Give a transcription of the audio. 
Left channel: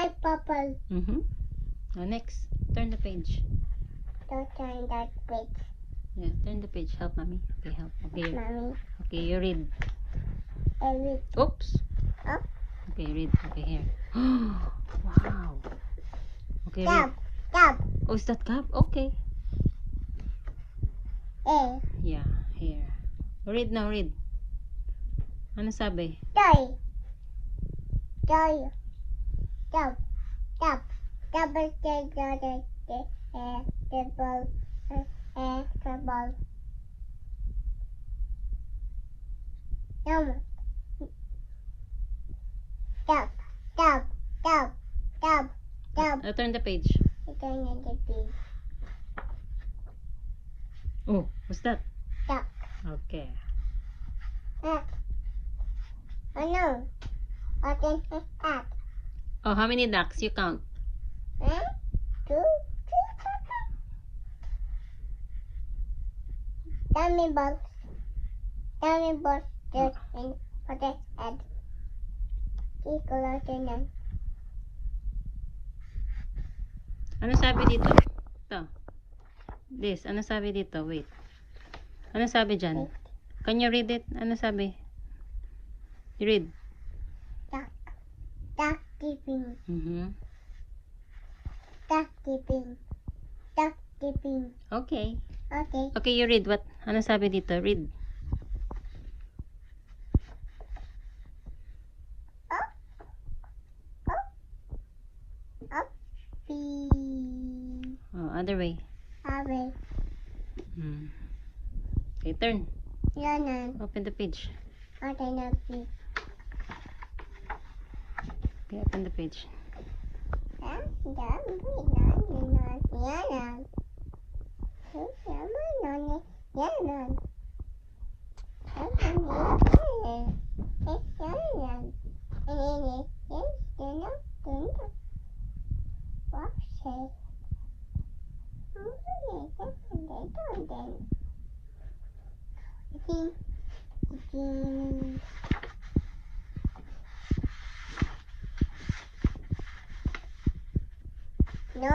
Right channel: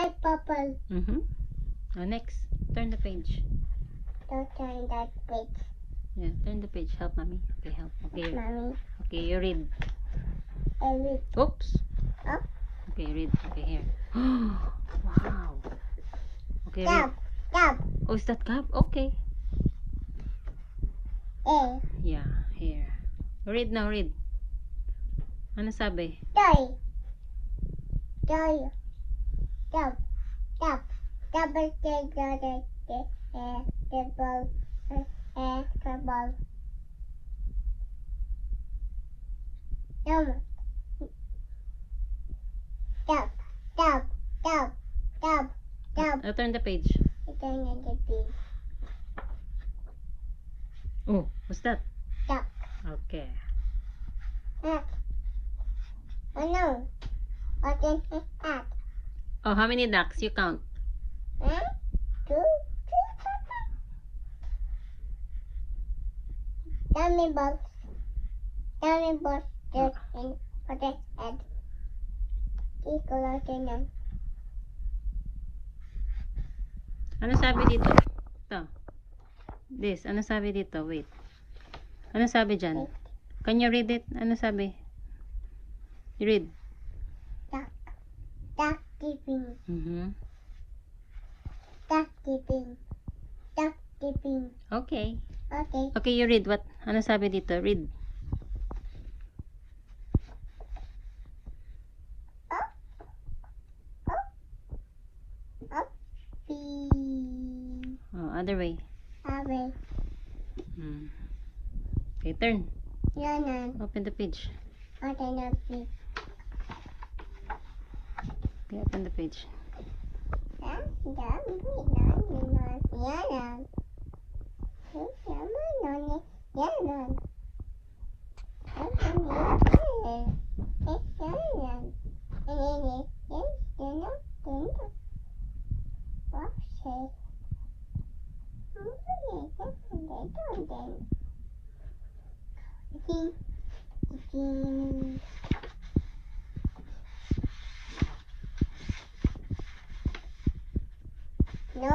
I purple. Now next, turn the page. Don't turn that page. Yeah, turn the page. Help mommy. Okay, help. Okay. Mommy. Okay, you read. Read. Oops. Oh. Okay, read. Okay, here. Wow. Okay, read. Cup. Oh, is that cup? Okay. Yeah, here. Read now, read. Ano sabi? Toy. Cup. Double double. Turn the page. Oh, what's that? Duck. Okay. Ano? What is that? Oh, how many ducks you count? Two. Dummy box. Just in for the head. Equal to none. Ano sabi dito? Ito. This. Ano sabi dito? Wait. Ano sabi dyan? Can you read it? Ano sabi? You read. Duck keeping. Duck keeping. Okay. Okay. Okay, you read. What? Ano sabi dito? Read. Oh, other way. Okay, turn. Open the page. Okay, open the page. No.